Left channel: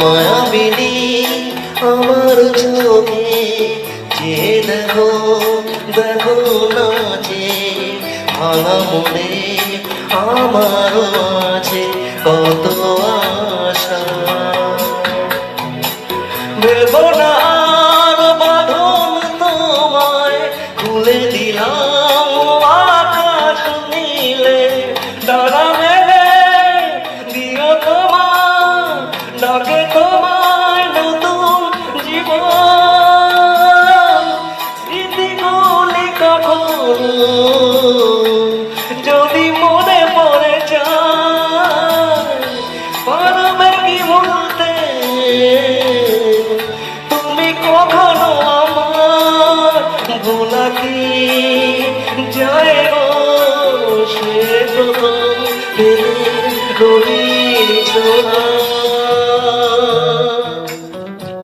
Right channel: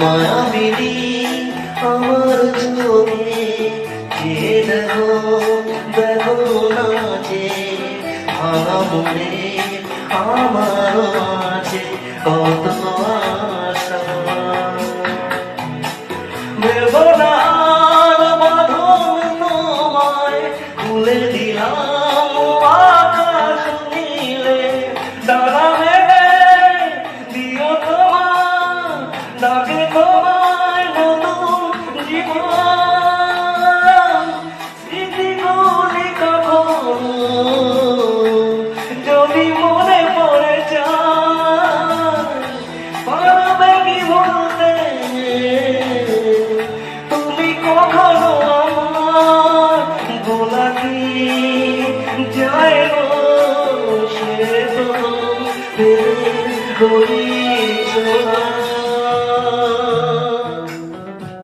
মায়াবিনী আমার চোখে যে দেখো দেখো নাচে ভাঙা মনে আমার আছে কত আশা বেদনার বাঁধন তোমায় খুলে দিলাম আকাশ নীলে তারা মেঘে দিও তোমার ডাকে তোমায় নতুন জীবন স্মৃতিগুলি কখন যদি মনে পড়ে যায় পারবে কি বলতে তুমি কখনো আমার ভোলাতে যায় সে তো রড়ি ছোলা